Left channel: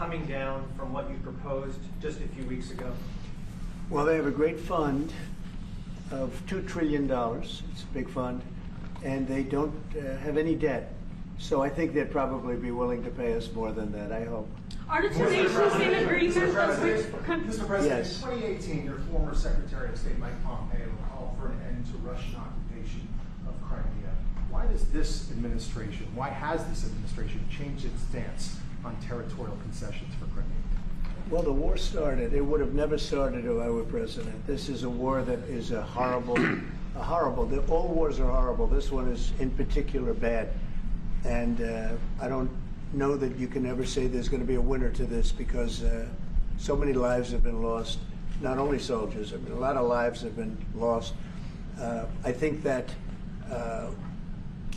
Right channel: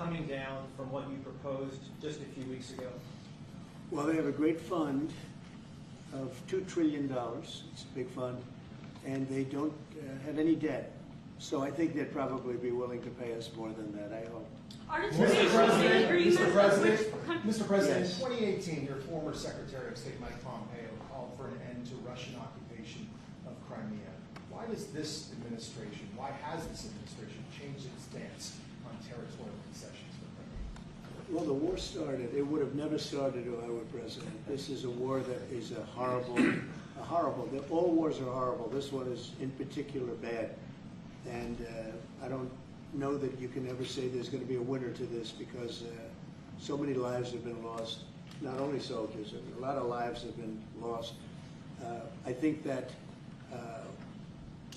coming down from what you proposed just a few weeks ago? Well, they have a great fund of $2 trillion. It's a big fund. And they don't have any debt. So I think they'd probably be willing to pay us more than that, I hope. Mr. President, Yes. in 2018, your former Secretary of State, Mike Pompeo, called for an end to Russian occupation of Crimea. Why has this administration changed its stance on territorial concessions for Crimea? Well, the war started. It would have never started if I were president. This is a war that is a horrible. All wars are horrible. This one is in particular bad. And I don't know that you can ever say there's going to be a winner to this because so many lives have been lost. Not only soldiers, I mean, a lot of lives have been lost. I think that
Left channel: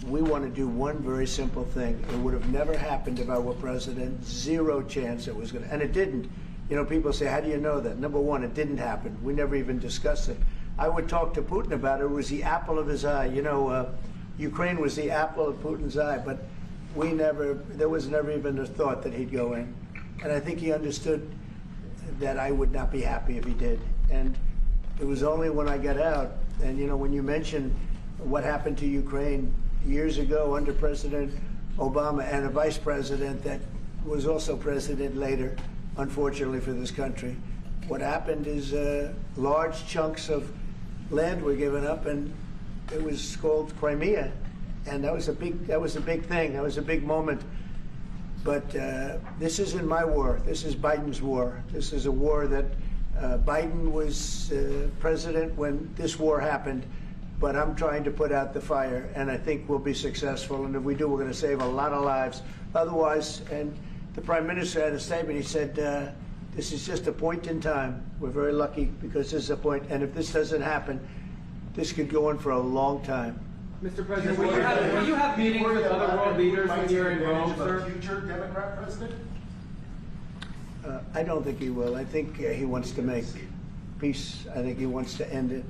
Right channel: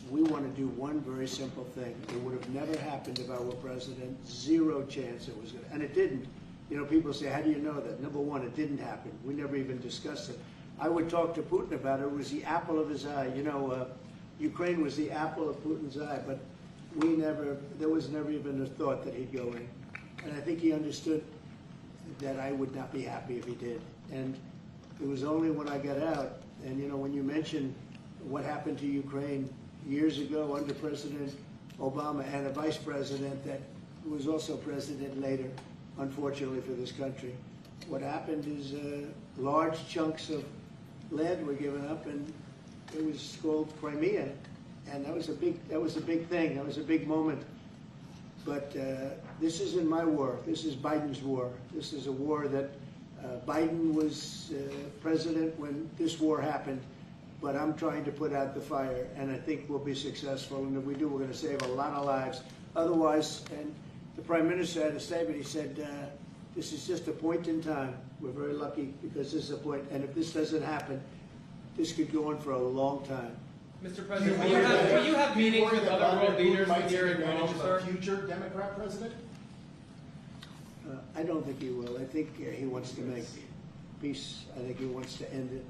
we want to do one very simple thing. It would have never happened if I were president. Zero chance it was going to. And it didn't. You know, people say, how do you know that? Number one, it didn't happen. We never even discussed it. I would talk to Putin about it. It was the apple of his eye. You know, Ukraine was the apple of Putin's eye, but there was never even a thought that he'd go in. And I think he understood that I would not be happy if he did. And it was only when I got out, and you know, when you mention what happened to Ukraine years ago under President Obama and a vice president that was also president later, unfortunately for this country, what happened is large chunks of land were given up, and it was called Crimea, and that was a big thing. That was a big moment. But this isn't my war. This is Biden's war. This is a war that Biden was president when this war happened. But I'm trying to put out the fire, and I think we'll be successful. And if we do, we're going to save a lot of lives. Otherwise, and the Prime Minister had a statement. He said, this is just a point in time. We're very lucky because this is a point. And if this doesn't happen, this could go on for a long time. Mr. President, will you have meetings with other world leaders when you're in Rome, sir? Future Democrat president? I don't think he will. I think he wants to make peace. I think he wants to end it.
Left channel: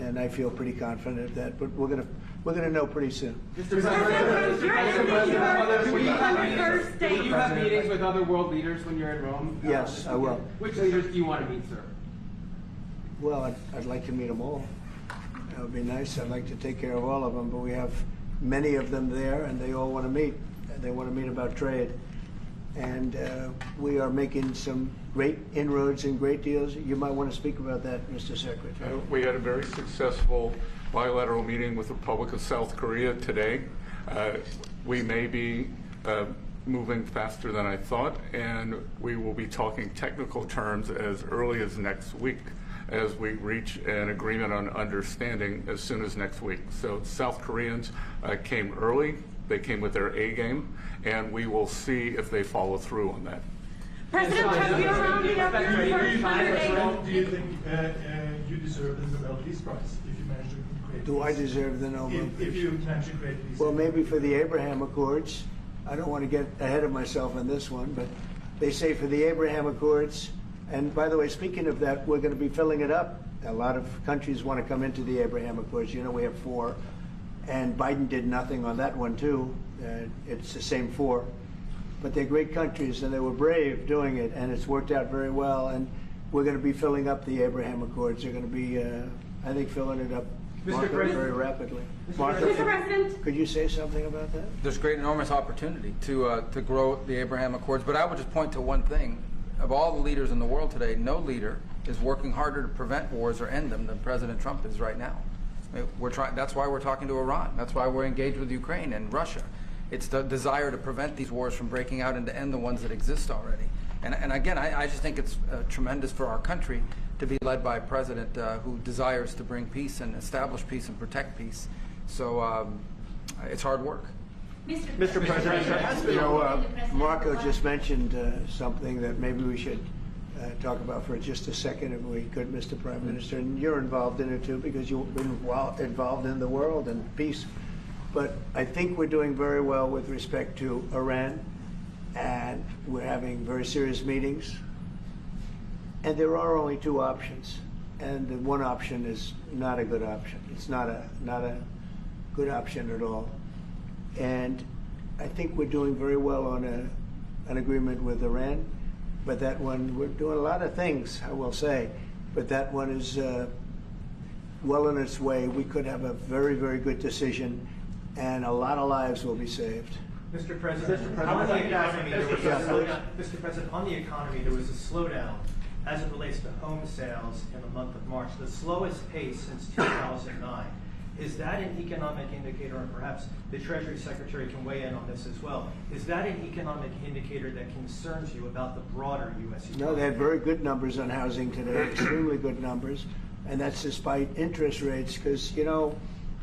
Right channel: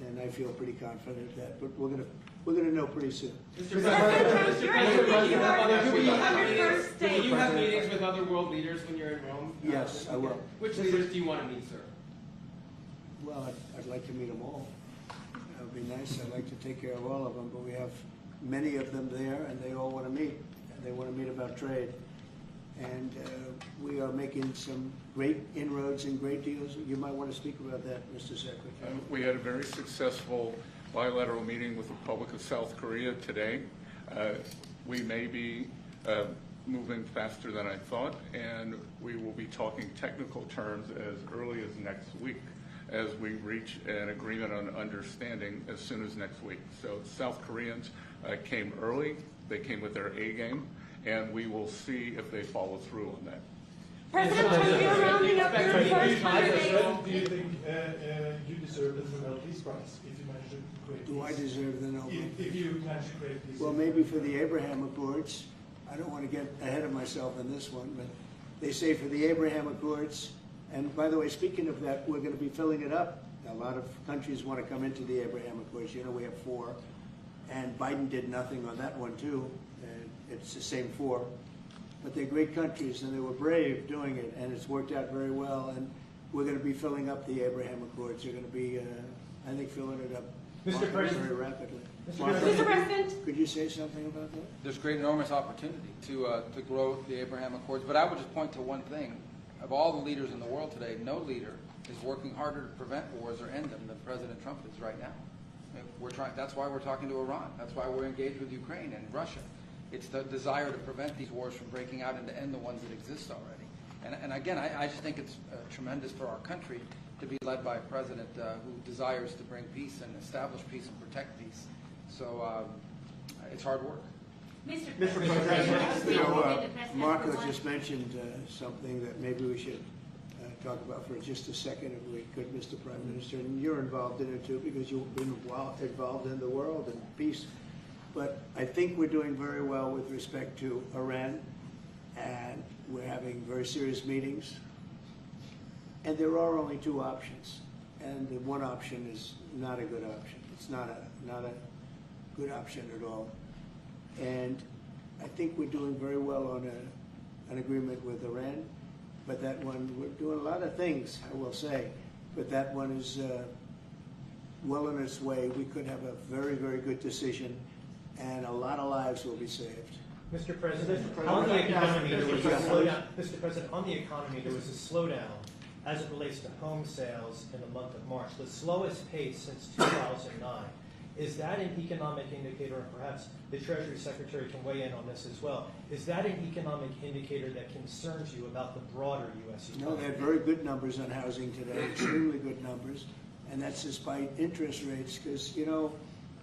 And I feel pretty confident of that. But we're gonna know pretty soon. Mr. President, will you have meetings with other world leaders when you're in Rome? Yes, I will. Which leaders do you want to meet, sir? Well, I'd like to meet them all. That would be nice. I'd like to take care of all of them, but we have many of them there, and they all want to meet. They want to meet about trade. And we are making some great inroads and great deals. You might want to speak about that, Mr. Secretary. We had a very successful bilateral meeting with the Republic of South Korea today. We may be moving faster than I thought, and we will be talking technical terms as early as next week as we reach an agreement on understanding as soon as next week. So South Koreans came early. They came with their A game, and we will see if they follow through on that. President Trump, you're rounding up your first 100 days. Do you think you deserve the Nobel Peace Prize if you manage to create Do peace? I deserve the Nobel Peace? If you manage to create peace. Well, maybe for the Abraham Accords. I don't want to get ahead of myself on this one, but they say for the Abraham Accords, and by the way, speaking of that, we're going to be filling it up. A lot of countries want to come into the Abraham Accords. You know, we have 4, and Biden did nothing on that one, too. It's the same 4. But they're great countries, and they were brave doing it, and it's worked out very well, and we're going to be filling up the Abraham Accords. They're going to be, I think, filling it up very rapidly. Mr. President. Could you say something about that? There's great, enormous opportunity to grow the Abraham Accords, but I would just point to one thing. Of all the leaders in the world today, no leader is working harder to prevent wars or end them than President Trump is right now. I mean, that's why we're talking to Iran. That's why we're engaged with Ukraine and Russia. It's the desire to prevent these wars from breaking out and to end the ones that exist already. And again, I just think it's tremendous for our country to be led by a president who desires to bring peace and establish peace and protect peace. So it's hard work. Mr. President. You know, Marco just mentioned something that maybe we should talk about for just a second, if we could, Mr. Prime Minister. And you're involved in it too, because you've been involved in the world and peace. But I think we're doing very well with respect to Iran, and we're having very serious meetings. And there are only 2 options, and the one option is not a good option. It's not a good option at all. And I think we're doing very well on an agreement with Iran, but that one, we're doing a lot of things, I will say, but that one is well on its way. We could have a very, very good decision, and a lot of lives will be saved. Mr. President, on the economy, there was a slowdown. Mr. President, on the economy, there was a slowdown as it relates to home sales in the month of March, the slowest pace since 2009. Is that an economic indicator, and perhaps the Treasury Secretary can weigh in on this as well, is that an economic indicator that concerns you about the broader U.S. economy? No, they had very good numbers on housing today, extremely good numbers, and that's despite interest rates, because, you know,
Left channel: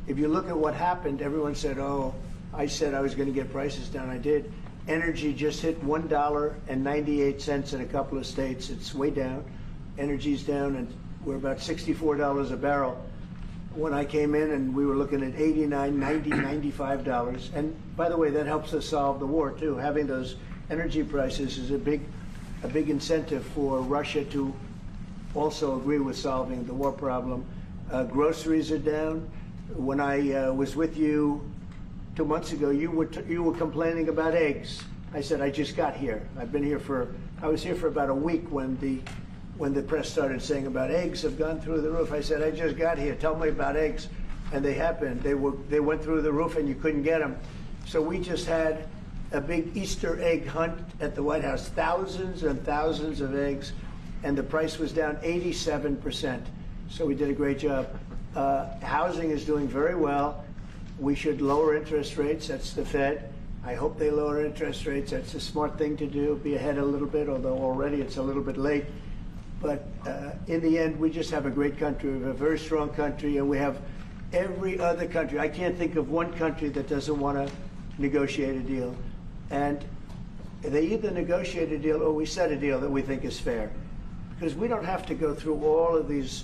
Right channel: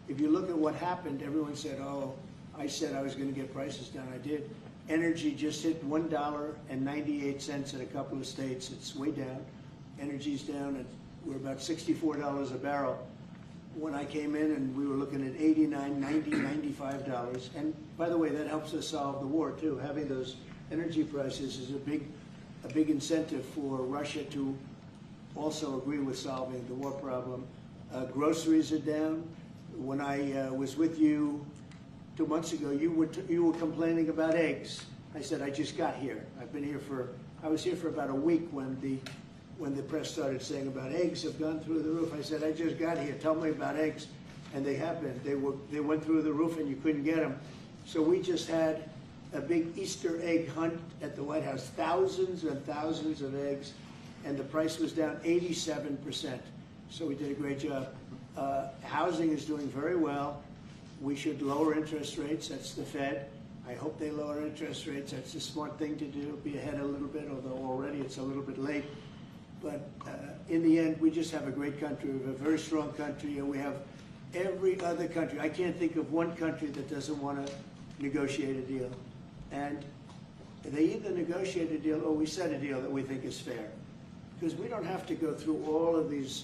if you look at what happened, everyone said, oh, I said I was going to get prices down. I did. Energy just hit $1.98 in a couple of states. It's way down. Energy's down, and we're about $64 a barrel. When I came in, and we were looking at $89, $90, $95. And by the way, that helps us solve the war too. Having those energy prices is a big incentive for Russia to also agree with solving the war problem. Groceries are down. When I was with you 2 months ago, you were complaining about eggs. I said, I just got here. I was here for about a week when the press started saying about eggs have gone through the roof. I said, I just got here. Tell me about eggs. And they have been. They went through the roof and you couldn't get them. So we just had a big Easter egg hunt at the White House. Thousands and thousands of eggs. And the price was down 87%. So we did a great job. Housing is doing very well. We should lower interest rates. That's the Fed. I hope they lower interest rates. That's a smart thing to do. Be ahead a little bit, although already it's a little bit late. But in the end, we just have a great country. We have a very strong country, and we have every other country. I can't think of one country that doesn't want to negotiate a deal. And they either negotiate a deal or we set a deal that we think is fair. Because we don't have to go through all of these.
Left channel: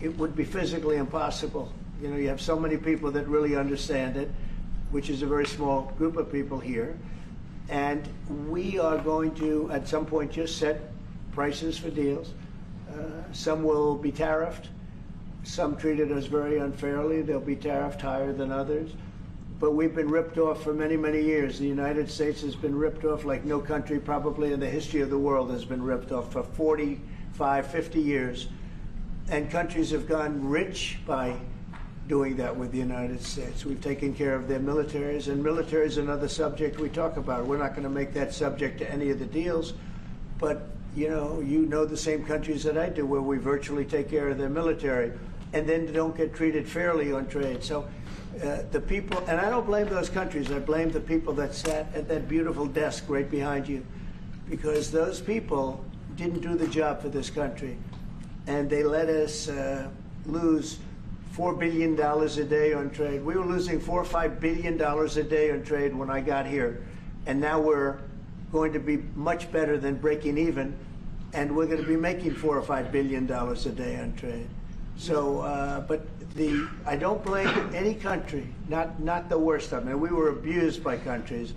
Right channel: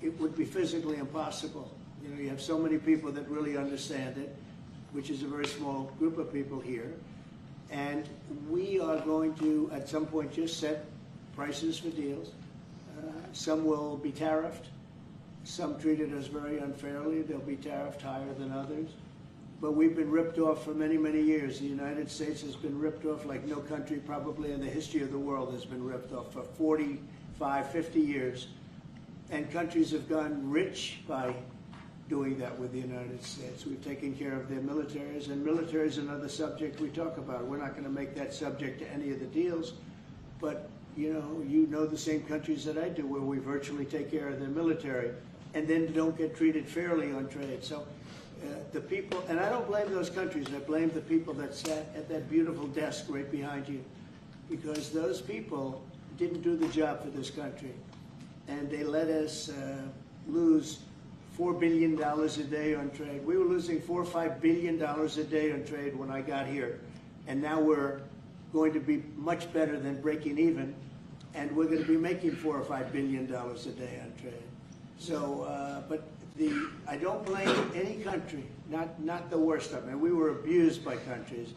It would be physically impossible. You know, you have so many people that really understand it, which is a very small group of people here. And we are going to, at some point, just set prices for deals. Some will be tariffed. Some treated us very unfairly. They'll be tariffed higher than others. But we've been ripped off for many, many years. The United States has been ripped off like no country probably in the history of the world has been ripped off for 45, 50 years. And countries have gone rich by doing that with the United States. We've taken care of their militaries, and military is another subject we talk about. We're not going to make that subject to any of the deals, but you know the same countries that I do where we virtually take care of their military and then don't get treated fairly on trade. So the people, and I don't blame those countries, I blame the people that sat at that beautiful desk right behind you, because those people didn't do the job for this country, and they let us lose $4 billion a day on trade. We were losing $4 or $5 billion a day on trade when I got here, and now we're going to be much better than breaking even, and we're going to be making $4 or $5 billion a day on trade. So, but I don't blame any country, not the worst of them. And we were abused by countries.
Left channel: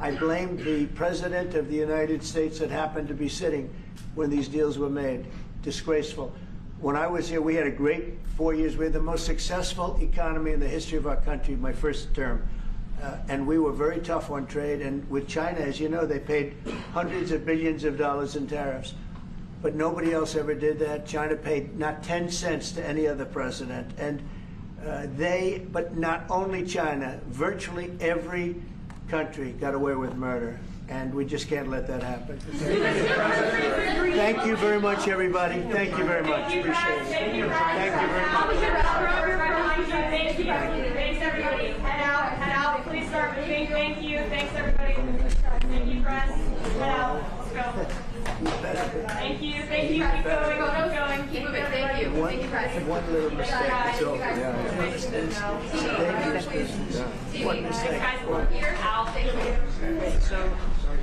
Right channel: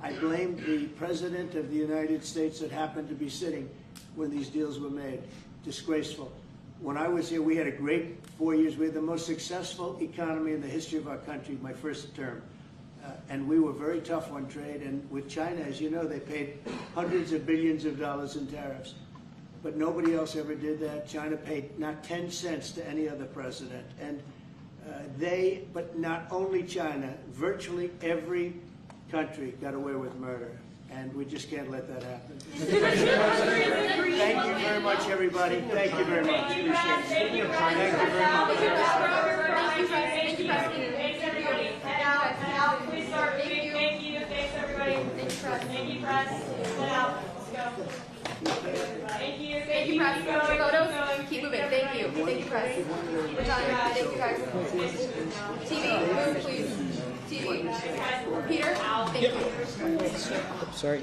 I blame the President of the United States that happened to be sitting when these deals were made. Disgraceful. When I was here, we had a great 4 years. We had the most successful economy in the history of our country, my first term. And we were very tough on trade. And with China, as you know, they paid hundreds of billions of dollars in tariffs. But nobody else ever did that. China paid not 10 cents to any other president. And but not only China, virtually every country got away with murder. And we just can't let that happen. Thank you very much, everybody. Thank you very much. Appreciate it. Thank you very much. Thank you, thanks everybody. Head out. Please start moving. Thank you. Thanks everybody. Thank you, press. Head out. Let's go. Thank you. Thank you. Keep going. Keep moving. Thank you. Thank you, press. One little mistake. It's over. One mistake. Peter, out. Thank you. Sorry.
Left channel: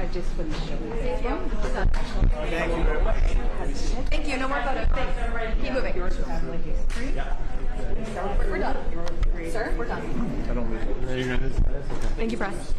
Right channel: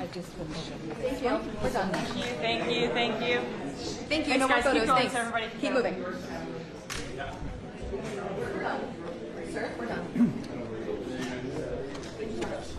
I just been. Thank you. We're done. Thank you. Thank you. Thank you. No more photos. Thanks. Keep moving. We're done. Sir, we're done. Thank you, press.